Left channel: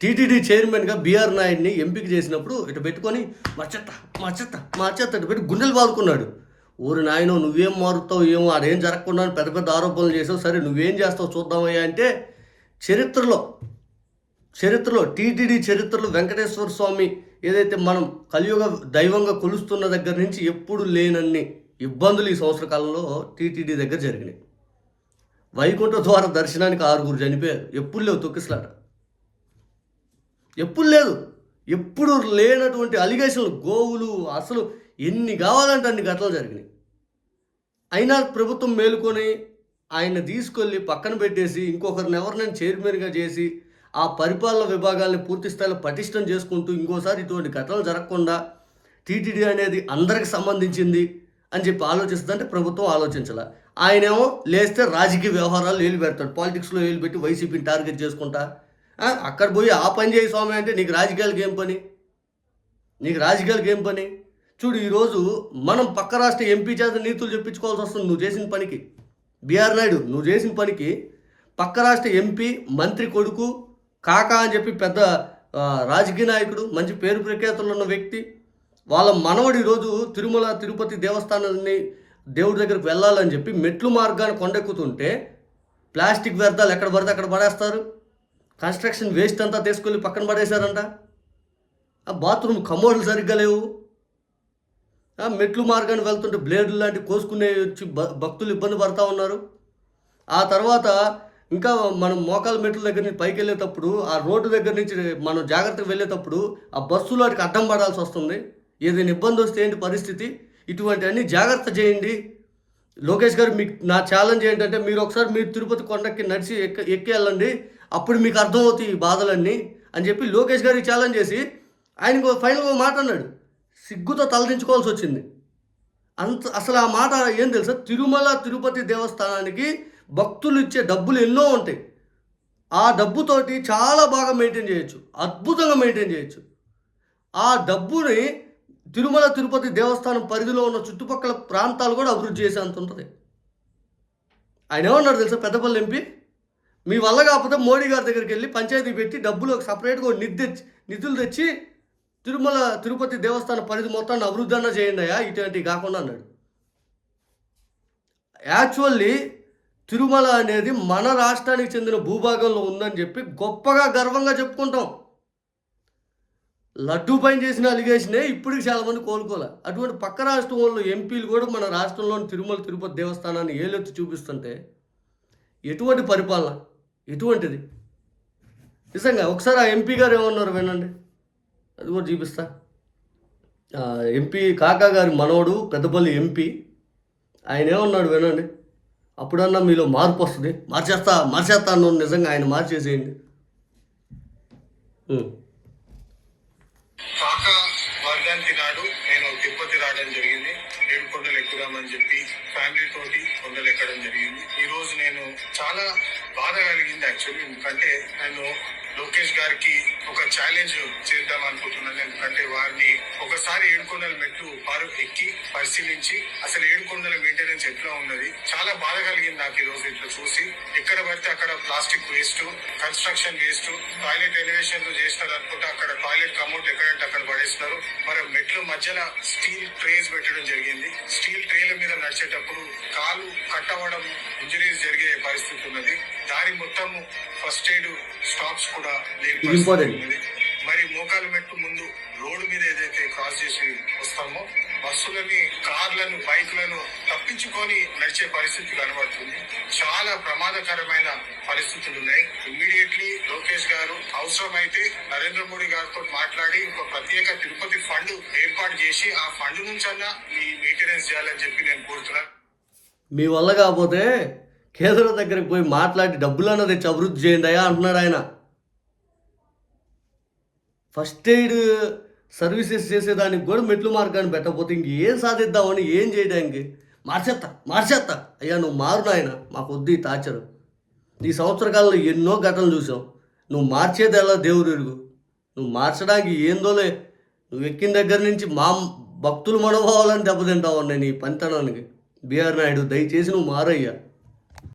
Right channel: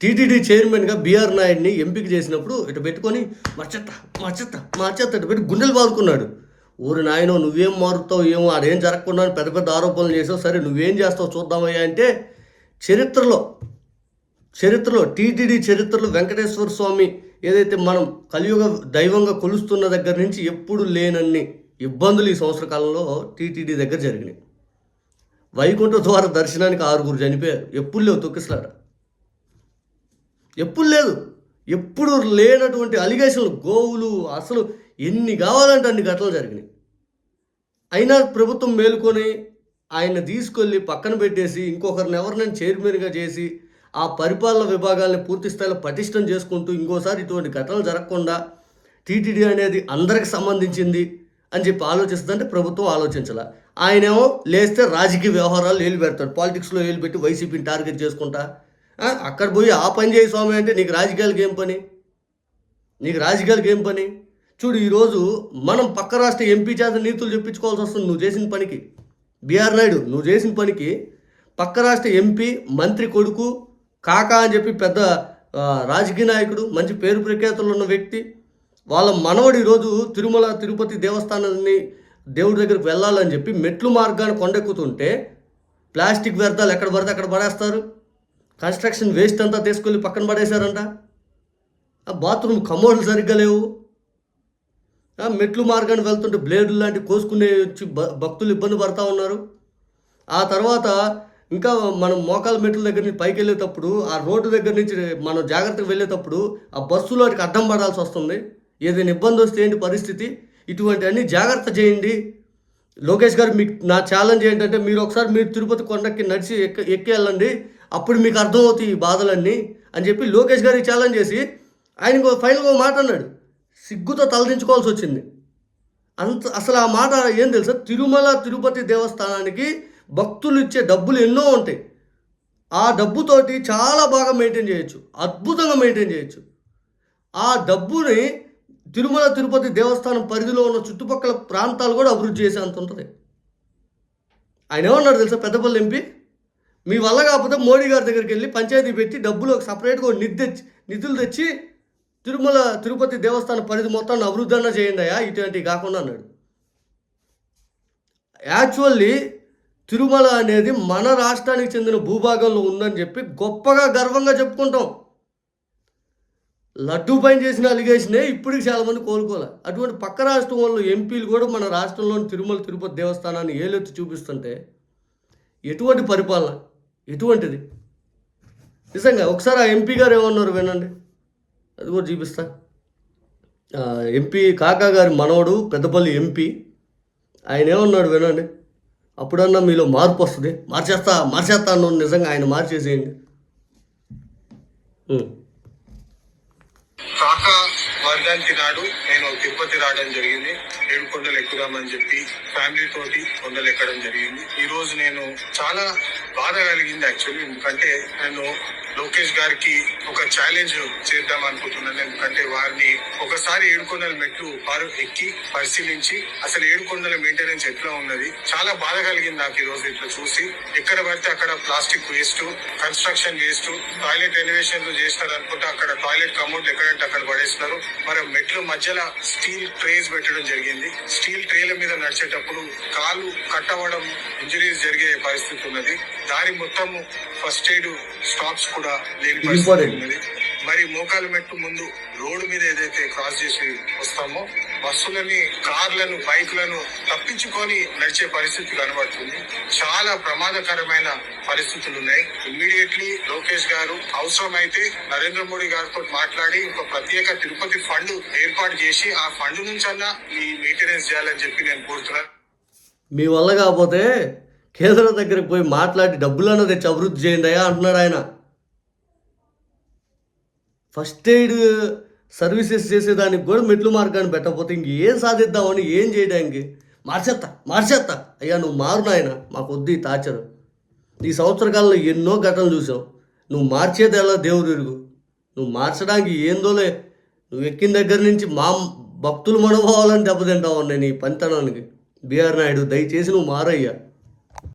TTD చైర్మన్గా BR నాయుడిని ఎంపిక చేసినప్పుడు ఇటు పెట్టుకొని మార్చెత్త మార్చెత్త మార్చెత్త ఇటు పెట్టి గుండెలు బాదుకున్నాడు. ఊరి నాయనో నువ్వేం మారుతావు ఏమో అదేం జరగకుండా పెద్ద పెద్ద ఆరోపణలు చేసావు. సరే నువ్వేం చేస్తావు చూద్దామయ్యా అంటే చరిత్రలో చరిత్రలో టీటీడీ చరిత్రలో వెంకటేశ్వర స్వామి ఏదైతే మనం కలియుగ దైవంగా కొలుస్తున్న దగ్గర నుంచి ఎప్పుడు లేనన్ని ఇబ్బందులు ఈ సంవత్సర కాలంలో టీటీడీ దగ్గర జరిగినాయి. వైకుంఠ ద్వార దర్శనానికి ఆరుగురు చనిపోయారు. ఎప్పుడు లేవు తొక్కిసలాట. ఎప్పుడు లేదు. ఎప్పుడు లేనటువంటి అలిగేషన్లు గోవులు అసలు ఎన్ని కావాలంటే అన్ని ఘటనలు జరిగినాయి. అయినా ప్రభుత్వం మేలుకొని ఆయన తీసుకెళ్ళి పక్కన పెట్టేసి ఇంకొకరిని ఎవరినైనా చైర్మన్గా చేసి ఆ పరిపాలన విభాగాల్ని పూర్తి స్థాయిలో పటిష్టం చేసుకుంటూ ఇంకోసారి ఇటువంటి ఘటనలు జరగకుండా టీటీడీ అనేది అందరికి సంబంధించింది అని చెప్పి ఆలోచిస్తుందంటే ప్రభుత్వం ఆలోచించాల. ఆయనేమో లేస్తే రాజకీయ వ్యవహారాలు ఏలు పెడతాడు. పాలిటిక్స్లో ఏలు పెట్టి వైసీపీని టార్గెట్ చేసుకుంటా అక్కడ పోయి ఆ పని చేయి స్వామి అంటే నీకు రాజకీయాలకి ఏం పని? నీకు రాజకీయాలకి ఏం పని? చూడు ఈరోజు మనం పక్క రాష్ట్ర ఎంపీ చేత నీతులు చెప్పించుకోవాల్సి వస్తుంది నువ్వు చేసిన పనికి. బీఆర్ నాయుడు నువ్వు చేసిన పనికి పక్క రాష్ట్ర ఎంపీ మంత్రి కొడుకు కాకా అని చెప్పి పెద్ద రాజకీయ నాయకుడు మంచి పేరు ప్రఖ్యాతులు ఉన్న వ్యక్తి వాళ్ళ మనవడు ఈరోజు తిరుమల తిరుపతి దేవస్థానాన్ని దేవుడి దగ్గరికి వెళ్ళాలని చెప్పి మెట్లు మార్గాన్ని కొండెక్కుతుంటే ప్లాస్టిక్ వ్యర్థాలు ఎక్కడ పడితే అక్కడ పడేస్తారు. కన్స్ట్రక్షన్ వేస్ట్ అంతా తీసుకెళ్ళి పక్కన పడేశారంట. ఆ బాత్రూమ్ కమోడ్లు సరిగ్గా లేవు. మెట్లు మార్గాన్ని వెళ్తుంటే బ్లేడ్లు లాంటి కోసుకునే వచ్చి భక్తులు ఇబ్బంది పడతా ఉన్నారు. ఆ తర్వాత ఇంకా మనం మోకాల మెట్ల దగ్గర నుంచి పైకి వెళ్ళేటప్పుడు ఆ రోడ్డు దగ్గర నుంచి మనం జాగ్రత్తగా వెళ్ళేటప్పుడు ఆ బస్సులో వాటికి అడ్డం పడాల్సి వస్తుంది. ఏదైనా ఇబ్బంది వస్తే ఏంటి పరిస్థితి? ఇటువంటి అన్ని జాగ్రత్త చేయండి. లోకేష్ గారు మీకు నా ఛాలెంజ్ ఏంటంటే మీరు ఒకసారి మీరు తిరుపతి కొండకి నడిచి ఎక్క ఎక్కి వెళ్ళండి. అప్పుడు మీకు అర్థమవుతాయి ఈ బాధలన్నీ అని చెప్పి లోకేష్ గారికి ఛాలెంజ్ చేసి ఆయనకు ఫైనల్గా మాట అన్నాడు. సిగ్గుతో తలదించుకోవాల్సి వచ్చింది. అంత అసలు ఆ మాట ఏం తెలుసా? తిరుమల తిరుపతి దేవస్థానానికి భక్తులు ఇచ్చే డబ్బులు ఎన్నో ఉంటాయి. ఆ డబ్బుతోటి చాలా బాగా మెయింటైన్ చేయొచ్చు. అద్భుతంగా మెయింటైన్ చేయొచ్చు. ఆ డబ్బుని తిరుమల తిరుపతి దేవస్థానం పరిధిలో ఉన్న చుట్టుపక్కల ప్రాంతాలు కూడా అభివృద్ధి చేసే అంత ఉంటుంది. ఆయన ఏమన్నాడు తెలుసా? పెద్దపల్లి ఎంపీ? మీ వల్ల కాకపోతే మోడీ గారి దగ్గరికి వెళ్ళి పంచాయతీ పెట్టి డబ్బులు ఒక సపరేట్గా నిధి తెచ్చి నిధులు తెచ్చి తిరుమల తిరుపతి దేవస్థానం పరిధి మొత్తాన్ని అభివృద్ధి చేయండి అయ్యా ఇటువంటివి కాకుండా అన్నాడు. యాక్చువల్లీ తిరుమల అనేది మన రాష్ట్రానికి చెందిన భూభాగంలో ఉందని చెప్పి గొప్పగా గర్వంగా చెప్పుకుంటాం. లడ్డూ పైన చేసిన అలిగేషనే ఇప్పటికి చాలామంది కోలుకోలే. అటువంటి పక్క రాష్ట్రం వాళ్ళు ఎంపీలు కూడా మన రాష్ట్రంలోని తిరుమల తిరుపతి దేవస్థానాన్ని ఏలెత్తి చూపిస్తుంటే ఎటువంటి పరిపాలన? ఎటువంటిది? నిజంగా ఒకసారి ఆ ఎంపీ గారు ఏమన్నారు వినండి. అది కూడా చూపిస్తా. ఎంపీ కాకా గారి మనవడు పెద్దపల్లి ఎంపీ ఆయన ఏమన్నాడు వినండి. అప్పుడన్నా మీలో మార్పు వస్తుంది. మార్చేస్తా మార్చేస్తా అన్నాను నిజంగా ఆయన మార్చేసేయండి. కాకా వర్గానికి నాడు నేను తిరుపతి రావడం జరిగింది. ఏడు కొండలు ఎక్కుదామని చెప్పి ఫ్యామిలీ తోటి కొండలు ఎక్కడం జరిగింది. ఈ రోజు నేను చాలా బాధ కలిగింది యాక్చువల్లీ ఎందుకంటే నేను లోకేష్ గారికి ఒక ఛాలెంజ్ చేద్దాం అనుకుంటున్నాను. ఎందుకంటే వారిని ఒకసారి ఏడుకొండల మెట్లు వారు ఎక్కి పరిశీలించి అసలు ఏడుకొండల మెయింటెనెన్స్ ఎట్లా ఉన్నది? చాలా బాధ కలిగింది నాకు ఈ రోజు ఇట్లా చూసి. ఎక్కడ పడితే అక్కడ plastic waste construction waste toilet elevation చేస్తారు అనుకుంటే. అక్కడ టాయిలెట్ కమౌంట్ ఎక్కడంటే అక్కడ పడేస్తున్నారు మరి మెట్ల మధ్యలో స్టీల్ ట్రేస్ పెట్టడం జరిగింది. స్టీల్ ట్రేల మీద నడిచేటప్పుడు కాలు కట్ అవ్వడం ఇంజరీస్ జరిగే పరిస్థితి ఉన్నది. దారి మొత్తం ఫస్ట్ ఎయిడ్ స్టాప్స్ కూడా లేని పరిస్థితి. ఉన్నది. మోకాలు మెట్టు ముందు రోడ్డు మీద ఏదైతే క్రాస్ చేసి వస్తామో బస్సులని కార్లను బైకులను తప్పించుకొని నడిచే పరిస్థితి కనబడుతుంది. చాలా ప్రమాదకరమైన పరిస్థితులు ఉన్నాయి. ఇమ్మీడియట్లీ లోకేష్ గారు అవసరమైతే నరేంద్ర మోడీ గారితో మాట్లాడి ఒక ప్రత్యేక తిరుపతి ఫండ్ ఏర్పాటు చేసి ఆ ఫండ్ నుంచి అన్నా ఈ మెయింటెనెన్స్ చేయాలని చెప్పి నేను కోరుతున్నాను. మీ వల్ల కాకపోతే కేంద్రం దగ్గరికి పోయి మాట్లాడి డబ్బులన్నా తెచ్చి అభివృద్ధి చేయండి అయ్యా అంటున్నాడు ఆయన. ఫస్ట్ ఎయిడ్ సర్వీసెస్ చేసేదానికి కూడా మెట్లు మార్గాన్ని పెట్టకపోతే ఇంక ఏం సాధిద్దామని ఏం చేయడానికి మార్చేత్తా మార్చేత్తా. అయ్యా నువ్వు మారు నాయన. మాకు వద్దు ఈ టార్చరు. ఈ సంవత్సర కాలంలో ఎన్నో ఘటనలు చూసావు నువ్వు మార్చేది ఎలా దేవుడు ఎరుగు నువ్వు మార్చడానికి ఏందోలే నువ్వు ఎక్కిన దగ్గర నుంచి మా భక్తులు మనోభావాలని దెబ్బతింటావు నేను నీ పంతనానికి బీఆర్ నాయుడు దయచేసి నువ్వు మారయ్యా.